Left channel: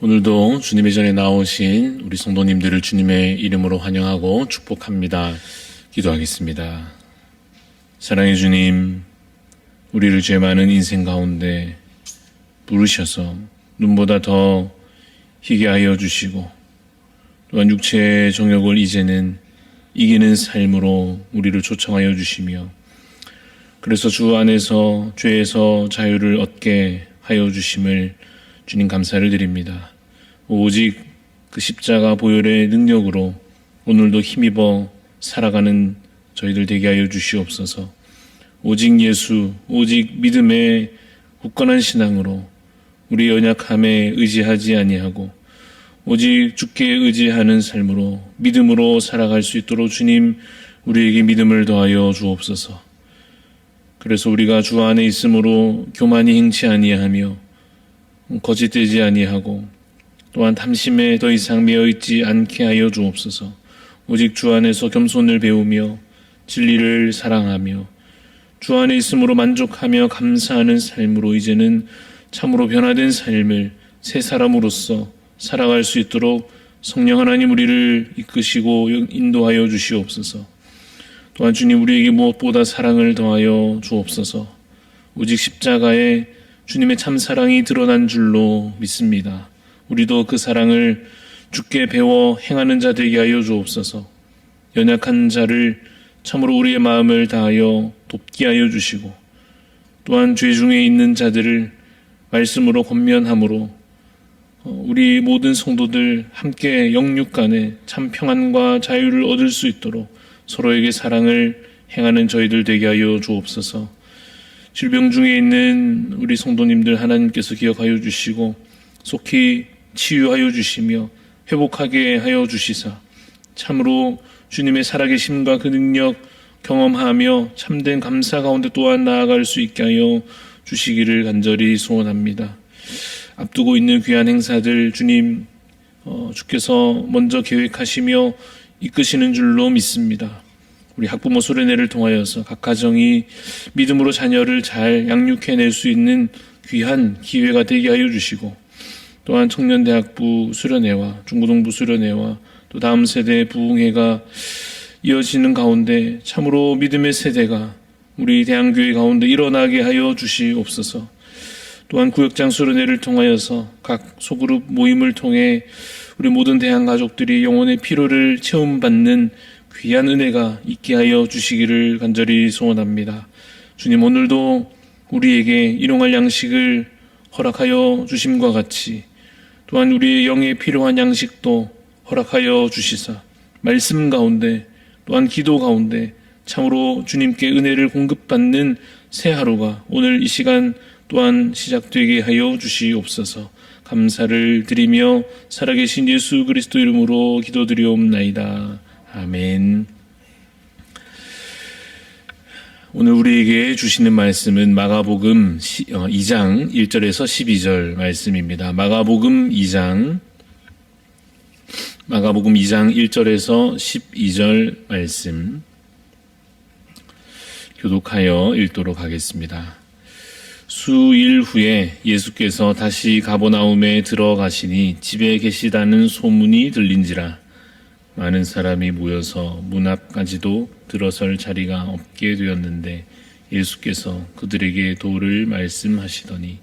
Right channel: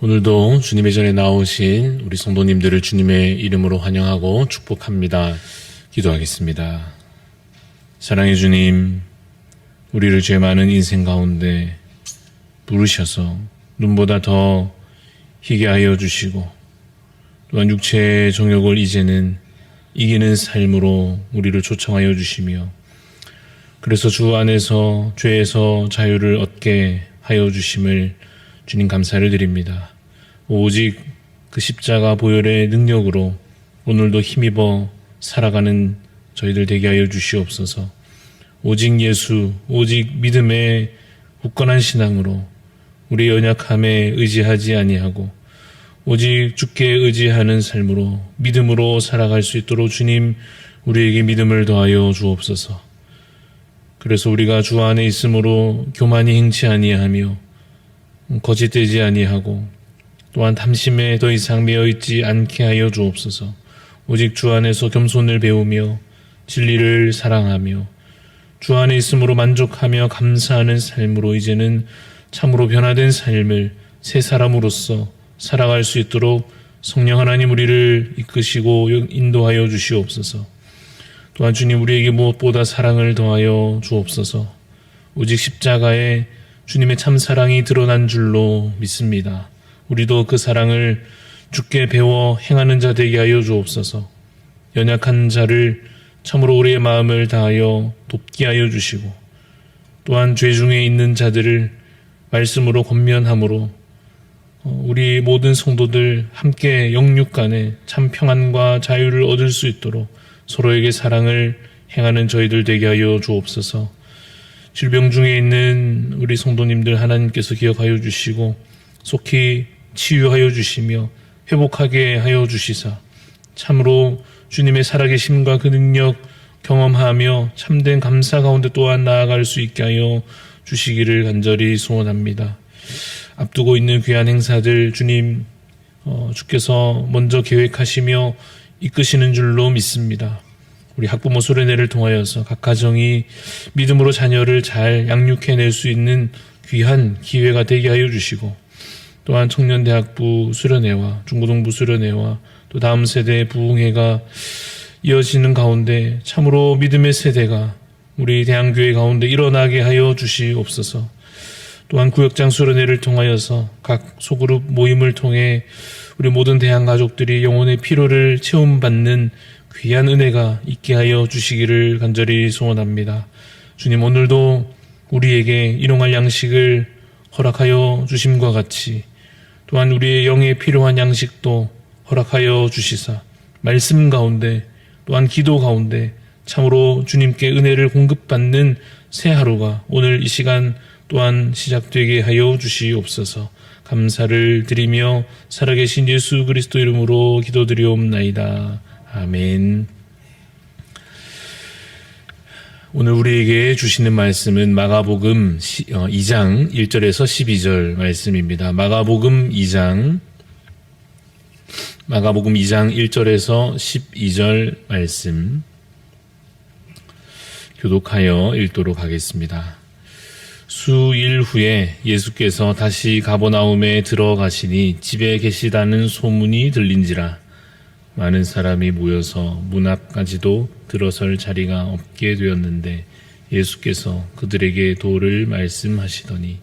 오늘도 주님의 전에 나오신 우리 성도님들을 주님의 이름으로 환영하고 축복합니다. 기도하겠습니다. 사랑의 주님, 우리를 죄 많은 인생 가운데 부르셔서 눈보다 더 희게 하여 주시고, 또한 육체의 정욕을 이제는 이기는 삶으로 우리를 초청하여 주시며, 그래서 주 안에서 죄에서 자유를 얻게 하여 주심을 주님 감사를 드립니다. 오직 그 십자가 보혈의 능력으로 오늘도 힘입어 살아가는 저희들 되게 하여 주시옵소서. 오직 예수, 오직 믿음의 굳건한 신앙으로 우리 연약함에 의지하지 아니하고 오직 주께 의지하는 삶으로 믿음으로 살아갈 수 있도록 주님 우리에게 믿음을 더하여 주옵소서. 그래서 우리가 주 안에 있으므로 교만이 행치 아니하며 거짓되지 아니하고 또한 탐심에 더 이상 매여있지 않게 하여 주옵소서. 오직 주 안에서 겸손을 배우며 진리를 사랑하며 주 안에 있으므로 만족하며 감사하는 삶으로 이제는 참으로 변화된 삶을 새 사람으로서 살아갈 수 있도록 성령 하나님 우리를 이끄시고 인도하여 주시옵소서. 또한 주님 우리에게 무엇보다 사랑을 더하여 주옵소서. 오직 십자가에 주님의 참 사랑이 드러난 줄로 믿습니다. 우리도 그 사랑을 주께 배워 행하는 자 되게 하여 주옵소서. 연약한 자를 참으로 우리의 마음을 다하여 돕게 하여 주시고 또한 죄 중에 있는 자들을 말씀으로 권면함으로 우리 모든 성도들 함께 영육 간에 참 평안과 자유를 얻을 수 있도록 서로에게 사랑을 행하는 저희들 되게 하여 주옵소서. 질병 중에 있는 우리 성도님들 하나님께서 기억하여 주시고 속히 치유하여 주시며 회복하게 하여 주시사 참으로 주님의 살아계심과 그 능력 경험하며 참된 감사 가운데 또한 나아갈 수 있게 하여 주시기를 간절히 소원합니다. 앞두고 있는 귀한 행사들 주님 주께서 먼저 계획하시며 이끄시는 줄로 믿습니다. 우리 학부모 수련회를 통하여서 각 가정이 믿음으로 자녀를 잘 양육해낼 수 있는 귀한 기회가 되게 하여 주시고 또한 청년대학부 수련회와 중고등부 수련회와 또 다음 세대의 부흥회가 이어지는 가운데 참으로 믿음의 세대가 우리 대한교회 가운데 일어나게 하여 주시옵소서. 또한 구역장 수련회를 통하여서 각 소그룹 모임을 통해 우리 모든 대한가족들이 영혼의 피로를 체험받는 귀한 은혜가 있게 하여 주시기를 간절히 소원합니다. 주님 오늘도 우리에게 일용할 양식을 허락하여 주심과 같이 또한 우리의 영에 필요한 양식도 허락하여 주시사 말씀 가운데 또한 기도 가운데 참으로 주님께 은혜를 공급받는 새 하루가 오늘 이 시간 또한 시작되게 하여 주시옵소서. 감사를 드리며 살아계신 예수 그리스도 이름으로 기도드리옵나이다. 아멘. 오늘 우리에게 주시는 말씀은 마가복음 2장 1절에서 12절 말씀입니다. 마가복음 2장 1절에서 12절 말씀 교독하여 읽도록 하겠습니다. 수일 후에 예수께서 다시 가버나움에 들어가시니 집에 계시다는 소문이 들린지라 많은 사람이 모여서 문 앞까지도 들어설 자리가 없게 되었는데 예수께서 그들에게 도를 말씀하시더니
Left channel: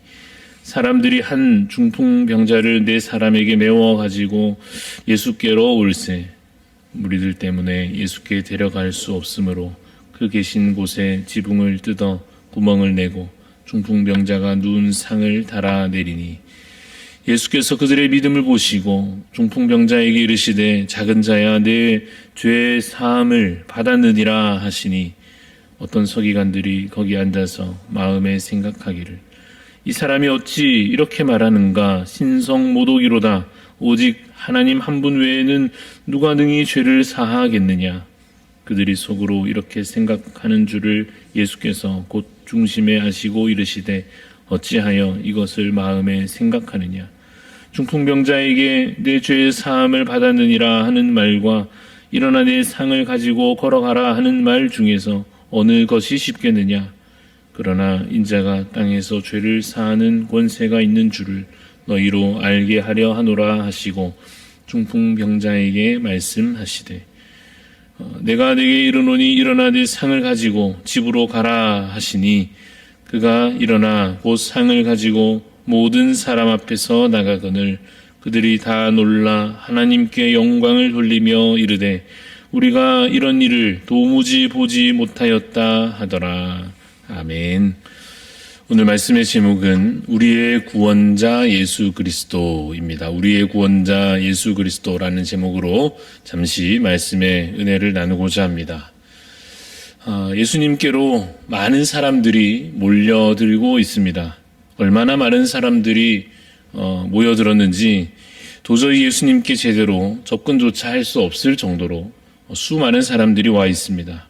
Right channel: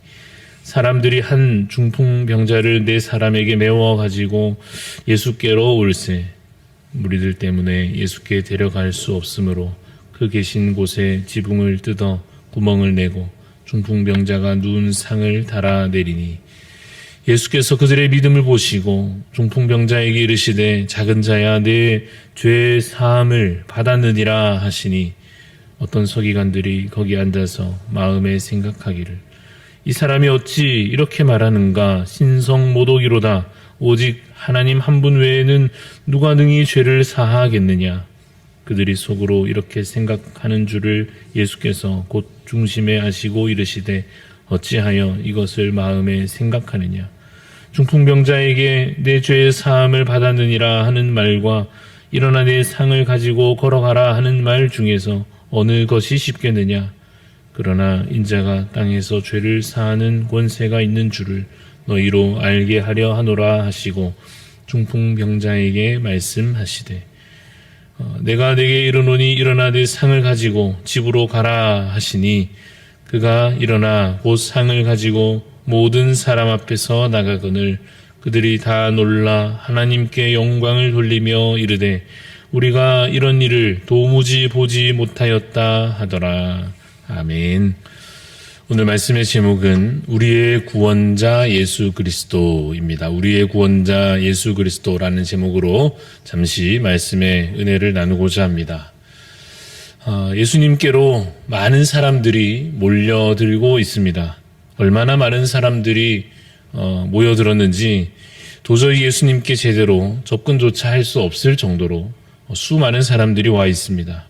사람들이 한 중풍병자를 4사람에게 메워 가지고 예수께로 올세 무리들 때문에 예수께 데려갈 수 없으므로 그 계신 곳에 지붕을 뜯어 구멍을 내고 중풍병자가 누운 상을 달아 내리니 예수께서 그들의 믿음을 보시고 중풍병자에게 이르시되 작은 자야 내 죄 사함을 받았느니라 하시니 어떤 서기관들이 거기 앉아서 마음에 생각하기를 이 사람이 어찌 이렇게 말하는가 신성모독이로다 오직 하나님 한 분 외에는 누가 능히 죄를 사하겠느냐. 그들이 속으로 이렇게 생각하는 줄을 예수께서 곧 중심에 아시고 이르시되 어찌하여 이것을 마음에 생각하느냐. 중풍병자에게 내 죄의 사함을 받았느니라 하는 말과 일어나 내 상을 가지고 걸어가라 하는 말 중에서 어느 것이 쉽겠느냐. 그러나 인자가 땅에서 죄를 사하는 권세가 있는 줄을 너희로 알게 하려 하노라 하시고 중풍병자에게 말씀하시되 내가 네게 이르노니 일어나 네 상을 가지고 집으로 가라 하시니 그가 일어나 곧 상을 가지고 모든 사람 앞에서 나가거늘 그들이 다 놀라 하나님께 영광을 돌리며 이르되 우리가 이런 일을 도무지 보지 못하였다 하더라. 아멘. 오늘 말씀의 제목은 우리의 구원자 예수 그리스도입니다. 우리의 구원자 예수 그리스도라는 제목으로 잠시 말씀의 은혜를 나누고자 합니다. 예수님께로 많은 사람들이 몰려들고 있습니다. 얼마나 많은 사람들이 모여들었는지 도저히 예수님께 제대로 접근조차 할 수 없을 정도로 수많은 사람들이 와 있습니다.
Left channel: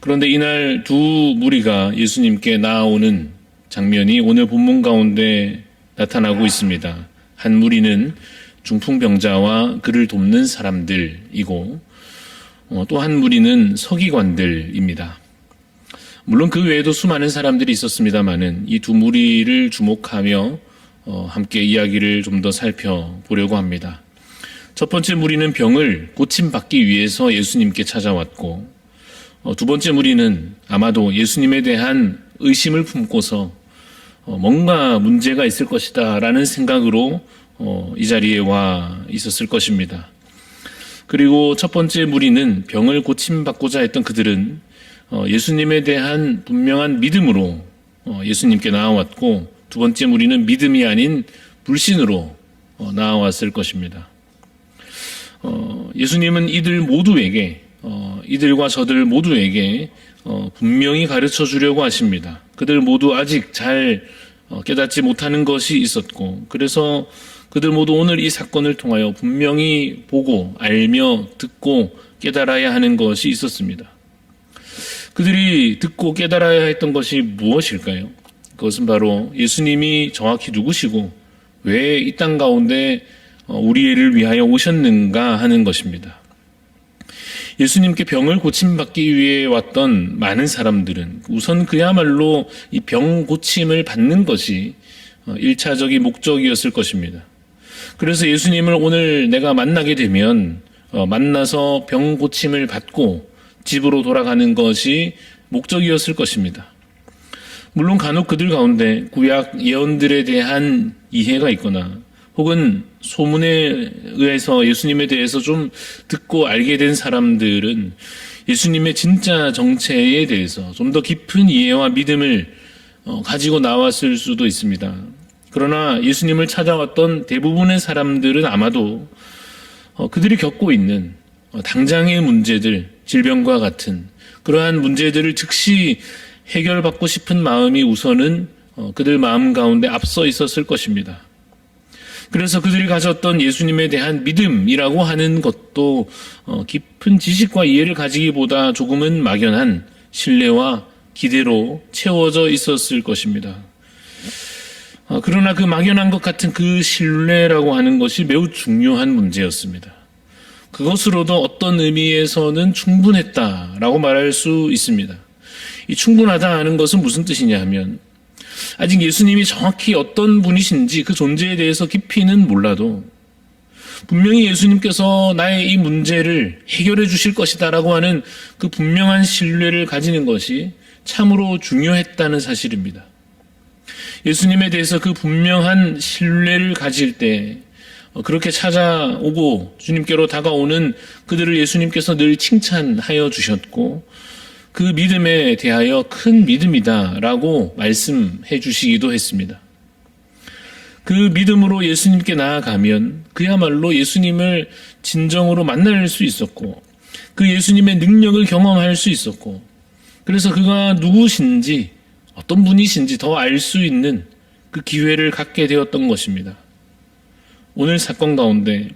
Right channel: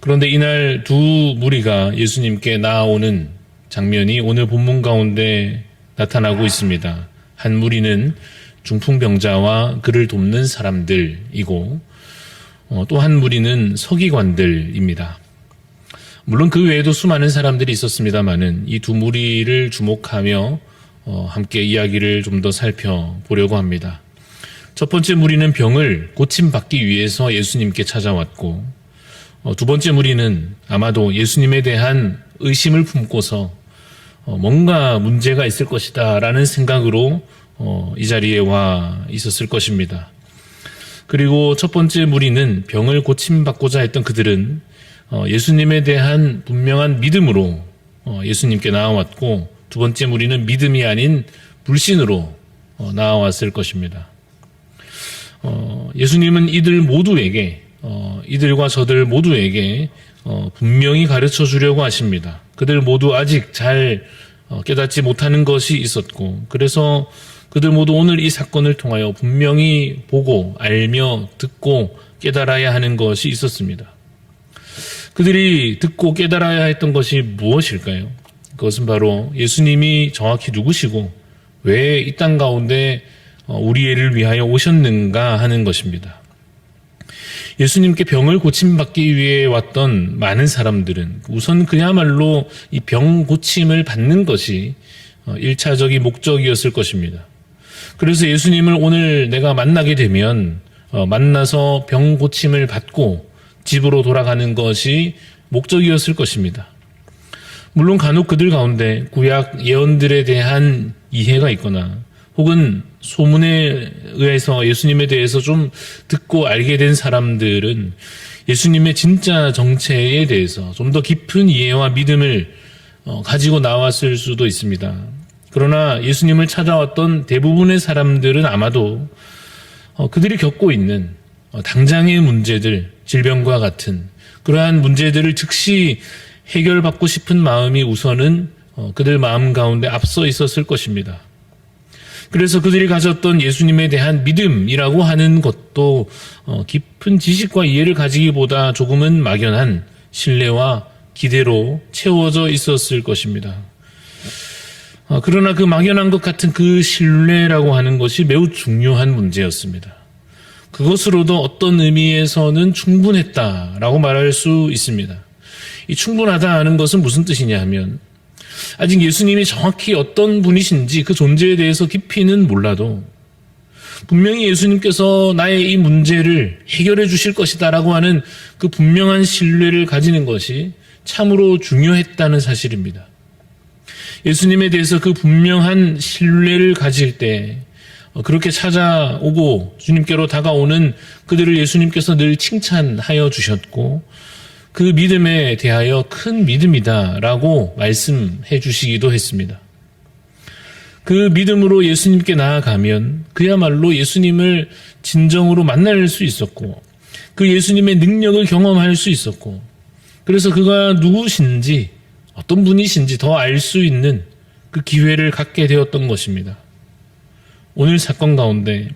그런데 이날 두 무리가 예수님께 나아오는 장면이 오늘 본문 가운데 나타나고 있습니다. 한 무리는 중풍병자와 그를 돕는 사람들이고 또 한 무리는 서기관들입니다. 물론 그 외에도 수많은 사람들이 있었습니다마는 이 두 무리를 주목하며 함께 이야기를 좀 더 살펴보려고 합니다. 첫 번째 무리는 병을 고침받기 위해서 예수님께 찾아왔고 두 번째 무리는 아마도 예수님에 대한 의심을 품고서 뭔가 문제가 있을 것이다 라는 생각으로 이 자리에 와 있었을 것입니다. 그리고 첫 번째 무리는 병을 고침받고자 했던 그들은 예수님에 대한 분명한 믿음으로 예수님께 나아왔고 두 번째 무리는 믿음이 아닌 불신으로 나아왔을 것입니다. 예수님은 이들과 저들 모두에게 분명히 가르쳐 주려고 하십니다. 그들 모두 아직 잘 깨닫지 못하는 것이 있었고 그래서 그들 모두 오늘 이 사건을 통하여 분명히 보고 알며 듣고 깨달아야 하는 것이 있었습니다. 그들이 듣고 깨달아야 했던 것이 무엇일까요? 그것은 바로 예수님이 정확히 누구시고 왜 이 땅 가운데 우리를 위하여 오셨는가 하는 것입니다. 예수님께 병을 고침받기 위해 왔던 많은 사람들은 우선 그야말로 이 병 고침을 받는 것이 1차적인 목적이었을 것입니다. 그래서 예수님을 오늘 내가 만나게 되면 만나서 병 고침을 받고 집으로 돌아가는 것이 목적이었을 것입니다. 물론 간혹 그들 가운데 구약 예언들에 대한 이해가 있거나 혹은 소문에 의해서 예수님에 대해서 좀 듣고 알게 된 사람들은 예수님의 진짜 정체에 대해서 좀 더 깊은 이해와 믿음을 가지고 나왔을 수도 있습니다. 그러나 예수님을 찾아왔던 대부분의 사람들은 아마도 그들이 겪고 있는 당장의 문제들, 질병과 같은 그러한 문제들을 즉시 해결받고 싶은 마음이 우선은 그들 마음 가운데 앞서 있었을 것입니다. 그래서 그들이 가졌던 예수님에 대한 믿음이라고 하는 것도 깊은 지식과 이해를 가지기보다 조금은 막연한 신뢰와 기대로 채워져 있었을 것입니다. 그러나 그 막연한 것 같은 그 신뢰라고 하는 것이 매우 중요한 문제였습니다. 그것으로도 어떤 의미에서는 충분했다라고 말할 수 있습니다. 이 충분하다 하는 것은 무슨 뜻이냐 하면 아직 예수님이 정확히 어떤 분이신지 그 존재에 대해서 깊이는 몰라도 분명히 예수님께서 나의 이 문제를 해결해 주실 것이다라고 하는 그 분명한 신뢰를 가지는 것이 참으로 중요했다는 사실입니다. 예수님에 대해서 그 분명한 신뢰를 가질 때 그렇게 찾아오고 주님께로 다가오는 그들을 예수님께서 늘 칭찬하여 주셨고 그 믿음에 대하여 큰 믿음이다라고 말씀해 주시기도 했습니다. 그 믿음으로 예수님께 나아가면 그야말로 예수님을 진정으로 만날 수 있었고 그 예수님의 능력을 경험할 수 있었고 그래서 그가 누구신지 어떤 분이신지 더 알 수 있는 그 기회를 갖게 되었던 것입니다. 오늘 사건 가운데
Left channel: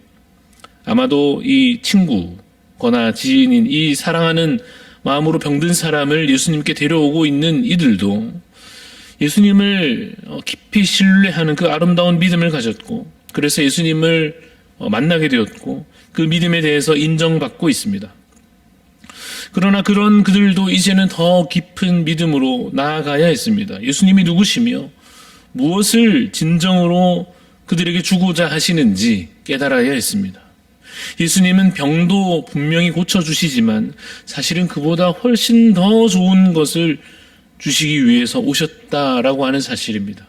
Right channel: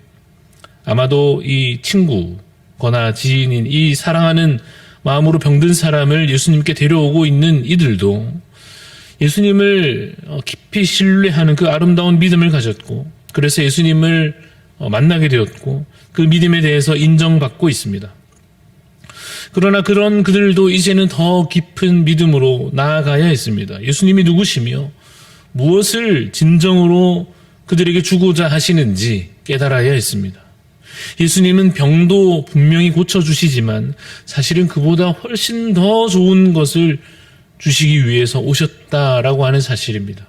아마도 이 친구거나 지인인 이 사랑하는 마음으로 병든 사람을 예수님께 데려오고 있는 이들도 예수님을 깊이 신뢰하는 그 아름다운 믿음을 가졌고 그래서 예수님을 만나게 되었고 그 믿음에 대해서 인정받고 있습니다. 그러나 그런 그들도 이제는 더 깊은 믿음으로 나아가야 했습니다. 예수님이 누구시며 무엇을 진정으로 그들에게 주고자 하시는지 깨달아야 했습니다. 예수님은 병도 분명히 고쳐주시지만 사실은 그보다 훨씬 더 좋은 것을 주시기 위해서 오셨다라고 하는 사실입니다.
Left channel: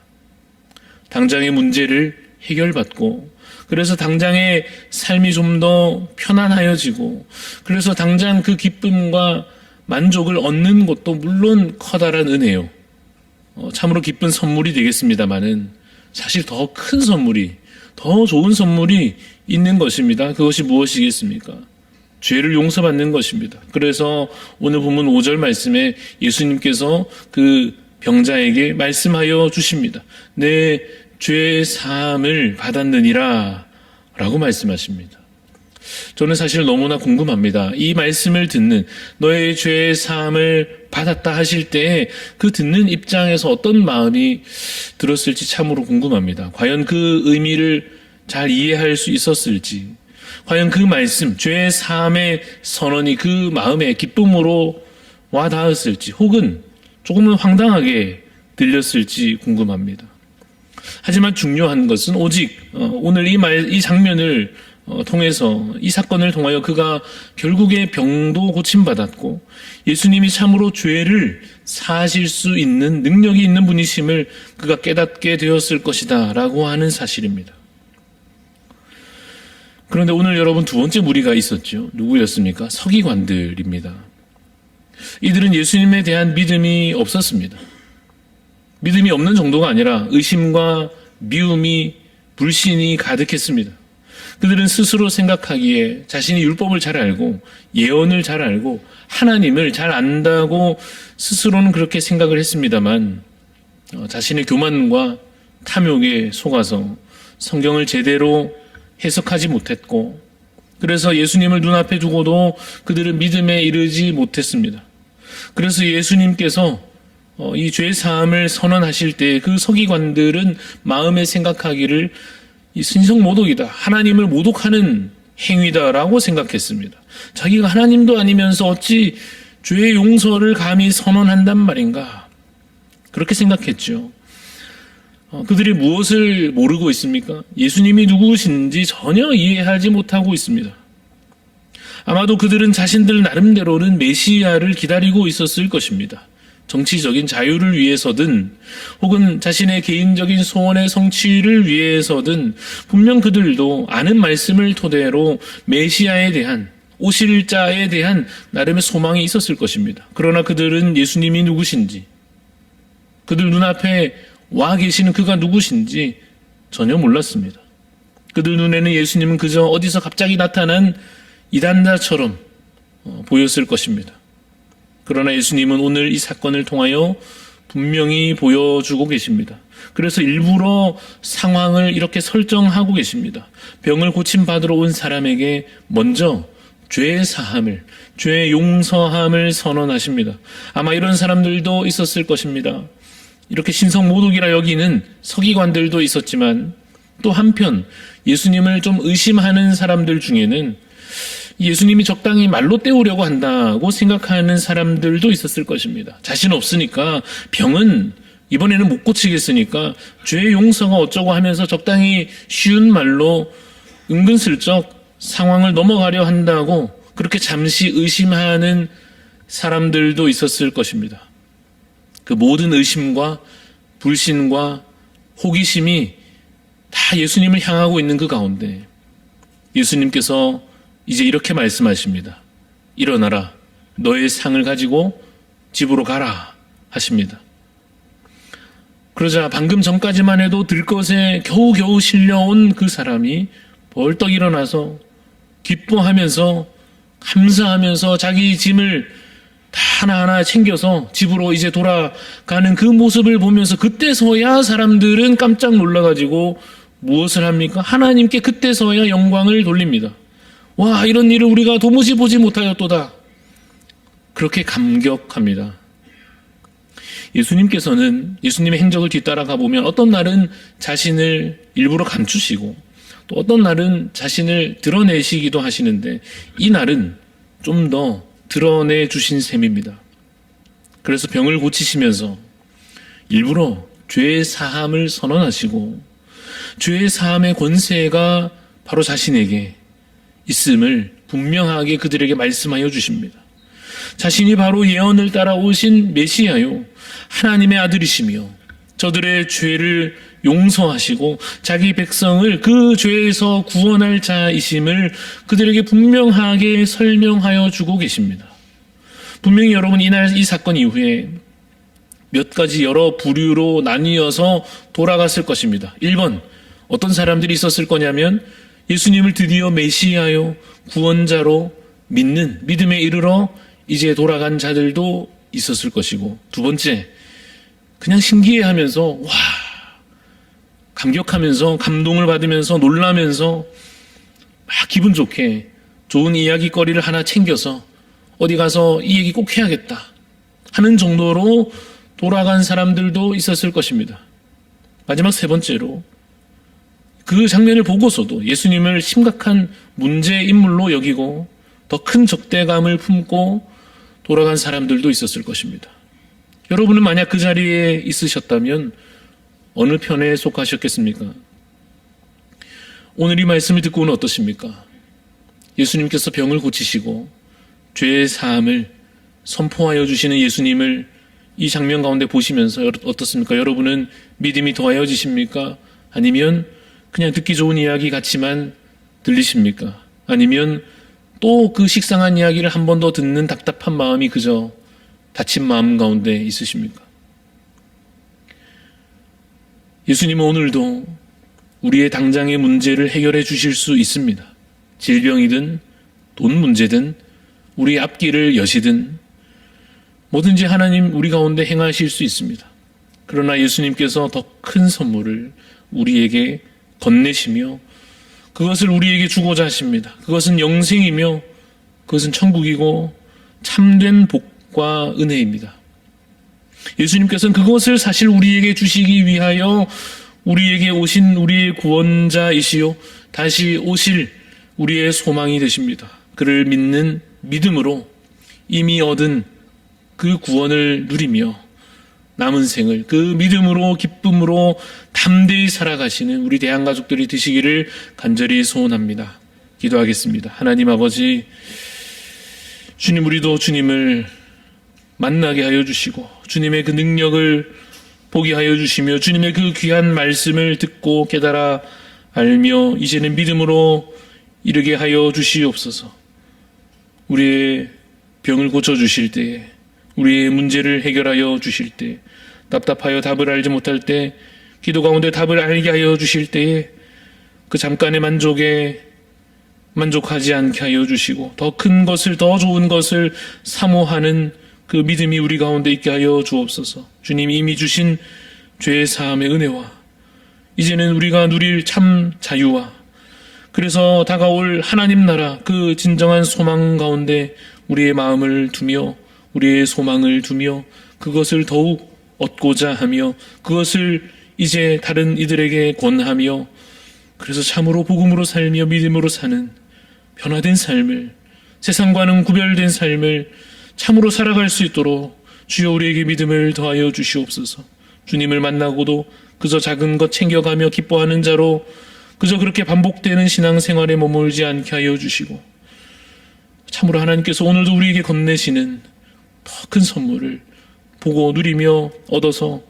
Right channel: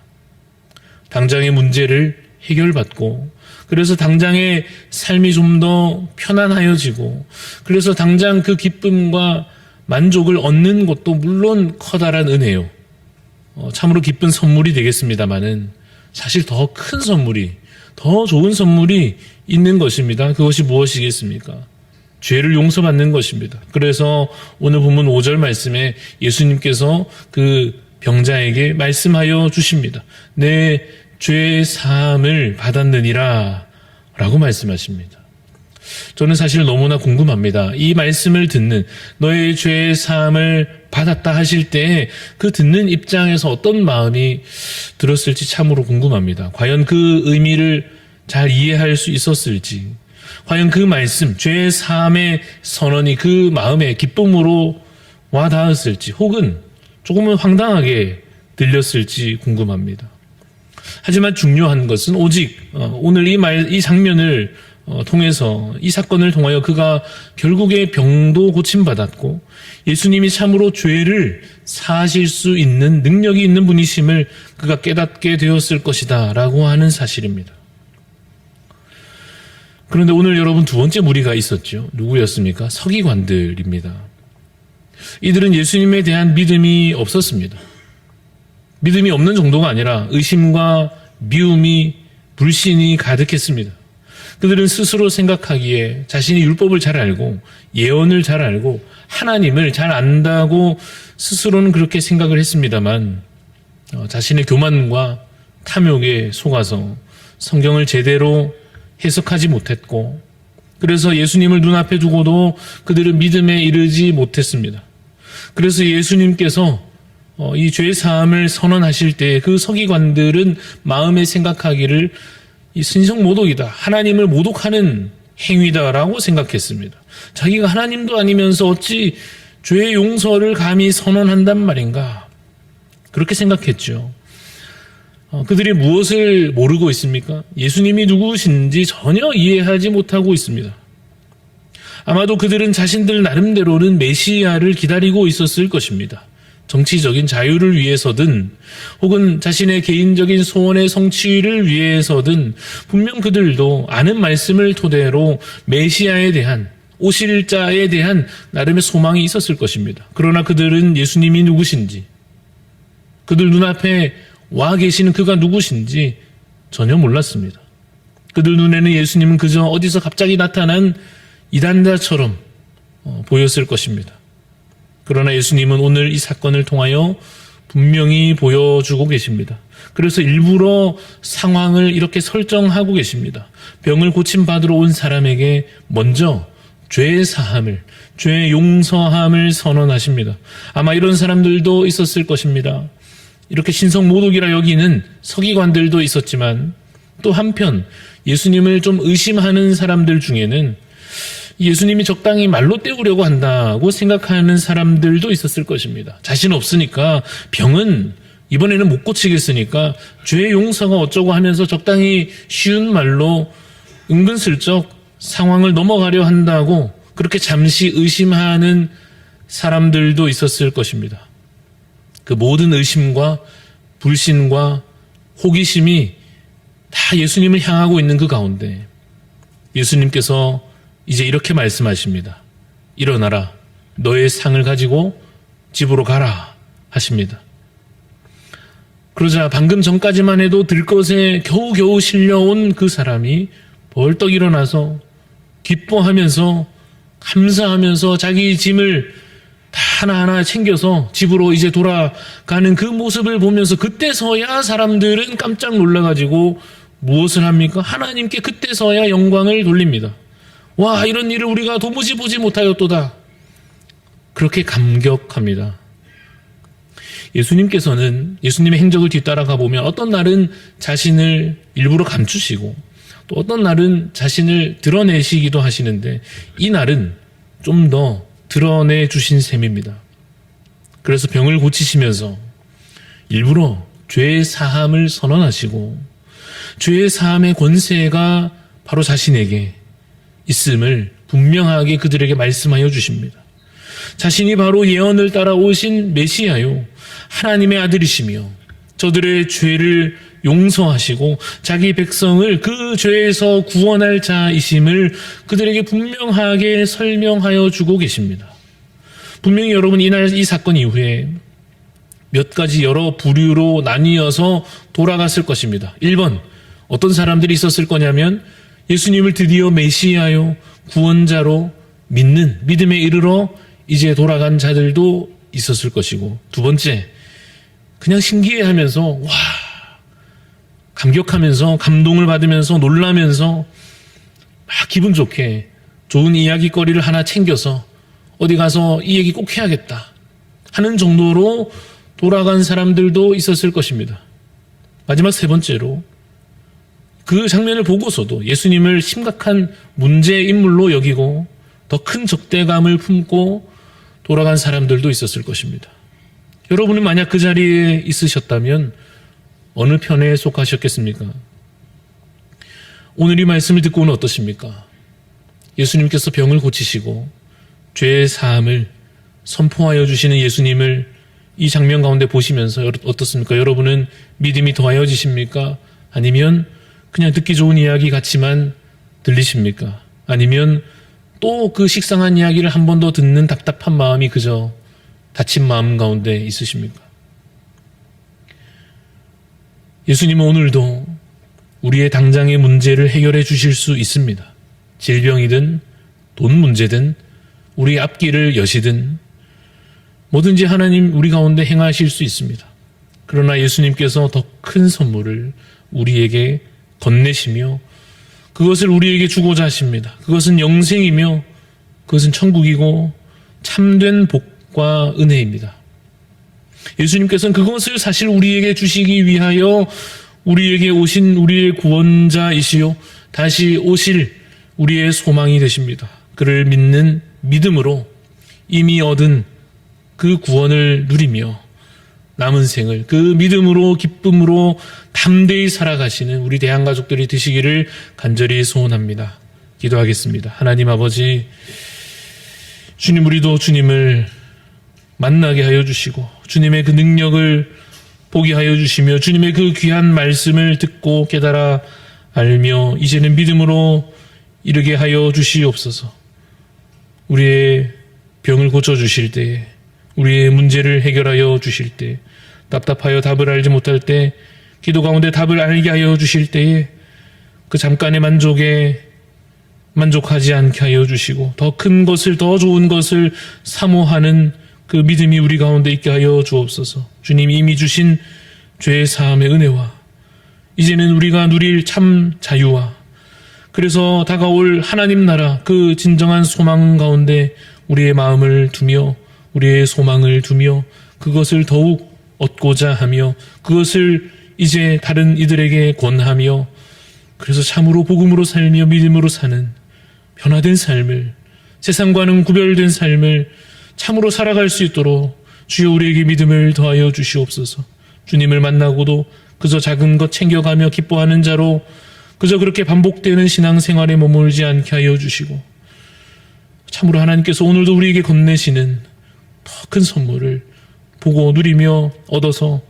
당장의 문제를 해결받고, 그래서 당장의 삶이 좀 더 편안하여지고, 그래서 당장 그 기쁨과 만족을 얻는 것도 물론 커다란 은혜요. 참으로 기쁜 선물이 되겠습니다마는 사실 더 큰 선물이, 더 좋은 선물이 있는 것입니다. 그것이 무엇이겠습니까? 죄를 용서받는 것입니다. 그래서 오늘 본문 5절 말씀에 예수님께서 그 병자에게 말씀하여 주십니다. 내 죄 사함을 받았느니라 라고 말씀하십니다. 저는 사실 너무나 궁금합니다. 이 말씀을 듣는, 너의 죄 사함을 받았다 하실 때 그 듣는 입장에서 어떤 마음이 들었을지 참으로 궁금합니다. 과연 그 의미를 잘 이해할 수 있었을지, 과연 그 말씀, 죄 사함의 선언이 그 마음의 기쁨으로 와 닿았을지, 혹은 조금은 황당하게 들렸을지 궁금합니다. 하지만 중요한 것은 오직 오늘 이 장면을 통해서, 이 사건을 통하여 그가 결국에 병도 고침받았고 예수님이 참으로 죄를 사하실 수 있는 능력이 있는 분이심을 그가 깨닫게 되었을 것이다 라고 하는 사실입니다. 그런데 오늘 여러분, 두 번째 무리가 있었죠. 누구였습니까? 서기관들입니다. 이들은 예수님에 대한 믿음이 없었습니다. 믿음이 없는 정도가 아니라 의심과 미움이, 불신이 가득했습니다. 그들은 스스로 생각하기에 자신이 율법을 잘 알고 예언을 잘 알고 하나님을 잘 안다고 스스로는 그렇게 생각을 했습니다만, 자신의 교만과 탐욕에 속아서 성경을 제대로 해석하지 못했고, 그래서 예수님을 눈앞에 두고도 그들은 믿음에 이르지 못했습니다. 그래서 예수님께서 이 죄 사함을 선언하실 때 그 서기관들은 마음에 생각하기를 이 신성모독이다, 하나님을 모독하는 행위다라고 생각했습니다. 자기가 하나님도 아니면서 어찌 죄의 용서를 감히 선언한단 말인가, 그렇게 생각했죠. 그들이 무엇을 모르고 있습니까? 예수님이 누구신지 전혀 이해하지 못하고 있습니다. 아마도 그들은 자신들 나름대로는 메시아를 기다리고 있었을 것입니다. 정치적인 자유를 위해서든 혹은 자신의 개인적인 소원의 성취를 위해서든 분명 그들도 아는 말씀을 토대로 메시아에 대한, 오실 자에 대한 나름의 소망이 있었을 것입니다. 그러나 그들은 예수님이 누구신지, 그들 눈앞에 와 계시는 그가 누구신지 전혀 몰랐습니다. 그들 눈에는 예수님은 그저 어디서 갑자기 나타난 이단자처럼 보였을 것입니다. 그러나 예수님은 오늘 이 사건을 통하여 분명히 보여주고 계십니다. 그래서 일부러 상황을 이렇게 설정하고 계십니다. 병을 고침받으러 온 사람에게 먼저 죄 사함을, 죄 용서함을 선언하십니다. 아마 이런 사람들도 있었을 것입니다. 이렇게 신성모독이라 여기는 서기관들도 있었지만, 또 한편 예수님을 좀 의심하는 사람들 중에는 예수님이 적당히 말로 때우려고 한다고 생각하는 사람들도 있었을 것입니다. 자신 없으니까, 병은 이번에는 못 고치겠으니까 죄 용서가 어쩌고 하면서 적당히 쉬운 말로 은근슬쩍 상황을 넘어가려 한다고 그렇게 잠시 의심하는 사람들도 있었을 것입니다. 그 모든 의심과 불신과 호기심이 다 예수님을 향하고 있는 그 가운데 예수님께서 이제 이렇게 말씀하십니다. 일어나라, 너의 상을 가지고 집으로 가라 하십니다. 그러자 방금 전까지만 해도 들것에 겨우겨우 실려온 그 사람이 벌떡 일어나서 기뻐하면서 감사하면서 자기 짐을 다 하나하나 챙겨서 집으로 이제 돌아가는 그 모습을 보면서 그때서야 사람들은 깜짝 놀라가지고 무엇을 합니까? 하나님께 그때서야 영광을 돌립니다. 와, 이런 일을 우리가 도무지 보지 못하였도다. 그렇게 감격합니다. 예수님께서는 예수님의 행적을 뒤따라가 보면 어떤 날은 자신을 일부러 감추시고 또 어떤 날은 자신을 드러내시기도 하시는데, 이 날은 좀 더 드러내 주신 셈입니다. 그래서 병을 고치시면서 일부러 죄의 사함을 선언하시고 죄의 사함의 권세가 바로 자신에게 있음을 분명하게 그들에게 말씀하여 주십니다. 자신이 바로 예언을 따라 오신 메시아요, 하나님의 아들이시며 저들의 죄를 용서하시고 자기 백성을 그 죄에서 구원할 자이심을 그들에게 분명하게 설명하여 주고 계십니다. 분명히 여러분, 이날 이 사건 이후에 몇 가지 여러 부류로 나뉘어서 돌아갔을 것입니다. 1번, 어떤 사람들이 있었을 거냐면 예수님을 드디어 메시아요, 구원자로 믿는, 믿음에 이르러 이제 돌아간 자들도 있었을 것이고, 두 번째, 그냥 신기해하면서 와, 감격하면서 감동을 받으면서 놀라면서 막 기분 좋게 좋은 이야기거리를 하나 챙겨서 어디 가서 이 얘기 꼭 해야겠다 하는 정도로 돌아간 사람들도 있었을 것입니다. 마지막 세 번째로, 그 장면을 보고서도 예수님을 심각한 문제 인물로 여기고 더 큰 적대감을 품고 돌아간 사람들도 있었을 것입니다. 여러분은 만약 그 자리에 있으셨다면 어느 편에 속하셨겠습니까? 오늘 이 말씀을 듣고는 어떠십니까? 예수님께서 병을 고치시고 죄의 사함을 선포하여 주시는 예수님을 이 장면 가운데 보시면서 어떻습니까? 여러분은 믿음이 더하여지십니까? 아니면 그냥 듣기 좋은 이야기 같지만 들리십니까? 아니면 또 그 식상한 이야기를 한 번 더 듣는 답답한 마음이 그저 다친 마음 가운데 있으십니까? 예수님은 오늘도 우리의 당장의 문제를 해결해 주실 수 있습니다. 질병이든 돈 문제든 우리의 앞길을 여시든 뭐든지 하나님 우리 가운데 행하실 수 있습니다. 그러나 예수님께서 더 큰 선물을 우리에게 건네시며 그것을 우리에게 주고자 하십니다. 그것은 영생이며 그것은 천국이고 참된 복과 은혜입니다. 예수님께서는 그것을 사실 우리에게 주시기 위하여 우리에게 오신 우리의 구원자이시요 다시 오실 우리의 소망이 되십니다. 그를 믿는 믿음으로 이미 얻은 그 구원을 누리며 남은 생을 그 믿음으로 기쁨으로 담대히 살아가시는 우리 대한가족들이 되시기를 간절히 소원합니다. 기도하겠습니다. 하나님 아버지, 주님, 우리도 주님을 만나게 하여 주시고 주님의 그 능력을 보게 하여 주시며 주님의 그 귀한 말씀을 듣고 깨달아 알며 이제는 믿음으로 이르게 하여 주시옵소서. 우리의 병을 고쳐주실 때에, 우리의 문제를 해결하여 주실 때, 답답하여 답을 알지 못할 때 기도 가운데 답을 알게 하여 주실 때에 그 잠깐의 만족에 만족하지 않게 하여 주시고 더 큰 것을, 더 좋은 것을 사모하는 그 믿음이 우리 가운데 있게 하여 주옵소서. 주님, 이미 주신 죄의 사함의 은혜와 이제는 우리가 누릴 참 자유와 그래서 다가올 하나님 나라 그 진정한 소망 가운데 우리의 마음을 두며 우리의 소망을 두며 그것을 더욱 얻고자 하며 그것을 이제 다른 이들에게 권하며 그래서 참으로 복음으로 살며 믿음으로 사는 변화된 삶을, 세상과는 구별된 삶을 참으로 살아갈 수 있도록 주여 우리에게 믿음을 더하여 주시옵소서. 주님을 만나고도 그저 작은 것 챙겨가며 기뻐하는 자로 그저 그렇게 반복되는 신앙생활에 머물지 않게 하여 주시고 참으로 하나님께서 오늘도 우리에게 건네시는 더 큰 선물을 보고 누리며 얻어서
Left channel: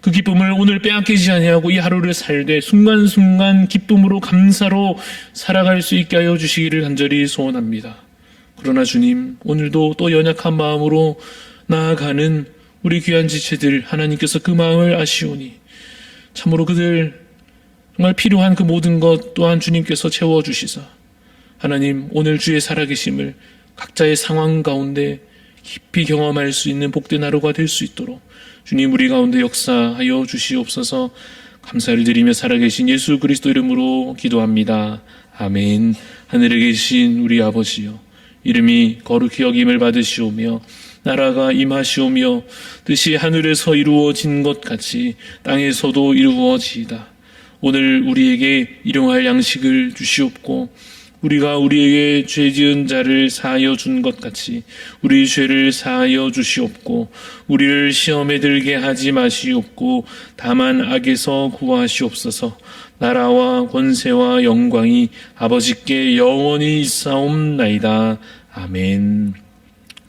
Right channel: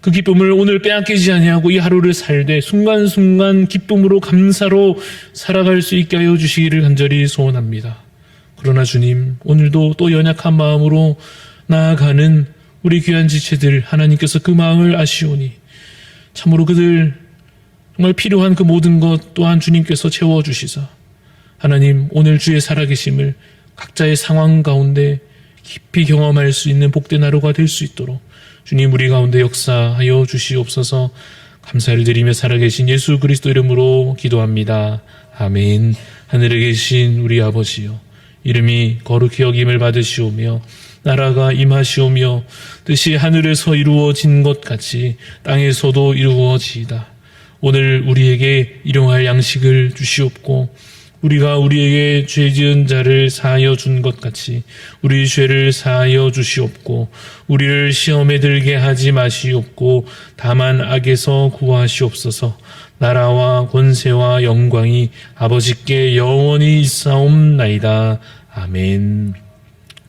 그 기쁨을 오늘 빼앗기지 아니하고 이 하루를 살되 순간순간 기쁨으로 감사로 살아갈 수 있게 하여 주시기를 간절히 소원합니다. 그러나 주님, 오늘도 또 연약한 마음으로 나아가는 우리 귀한 지체들 하나님께서 그 마음을 아시오니 참으로 그들 정말 필요한 그 모든 것 또한 주님께서 채워주시사 하나님 오늘 주의 살아계심을 각자의 상황 가운데 깊이 경험할 수 있는 복된 하루가 될 수 있도록 주님 우리 가운데 역사하여 주시옵소서. 감사를 드리며 살아계신 예수 그리스도 이름으로 기도합니다. 아멘. 하늘에 계신 우리 아버지여, 이름이 거룩히 여김을 받으시오며 나라가 임하시오며 뜻이 하늘에서 이루어진 것 같이 땅에서도 이루어지이다. 오늘 우리에게 일용할 양식을 주시옵고 우리가 우리에게 죄 지은 자를 사하여 준 것 같이 우리 죄를 사하여 주시옵고 우리를 시험에 들게 하지 마시옵고 다만 악에서 구하시옵소서. 나라와 권세와 영광이 아버지께 영원히 있사옵나이다. 아멘.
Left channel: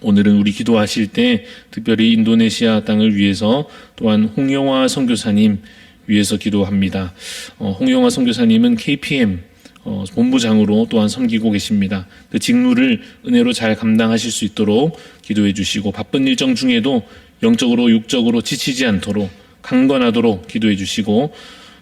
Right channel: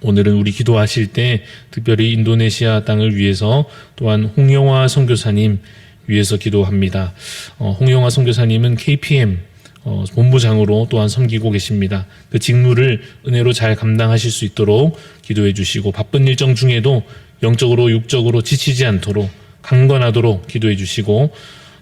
오늘은 우리 기도하실 때 특별히 인도네시아 땅을 위해서 또한 홍영화 선교사님 위해서 기도합니다. 홍영화 선교사님은 KPM 본부장으로 또한 섬기고 계십니다. 그 직무를 은혜로 잘 감당하실 수 있도록 기도해 주시고 바쁜 일정 중에도 영적으로 육적으로 지치지 않도록 강건하도록 기도해 주시고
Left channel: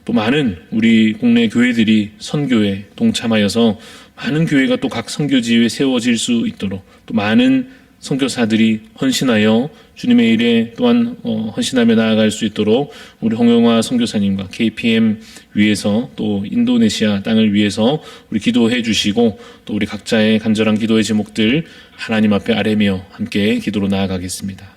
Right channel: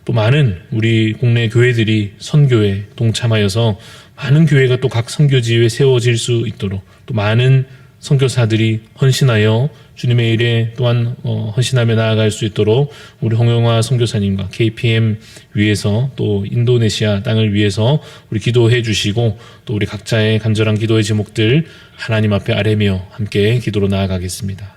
또 많은 우리 국내 교회들이 선교에 동참하여서 많은 교회가 또 각 선교지에 세워질 수 있도록 또 많은 선교사들이 헌신하여 주님의 일에 또한 헌신하며 나아갈 수 있도록 우리 홍영화 선교사님과 KPM 위해서 또 인도네시아 땅을 위해서 우리 기도해 주시고 또 우리 각자의 간절한 기도의 제목들 하나님 앞에 아뢰며 함께 기도로 나아가겠습니다.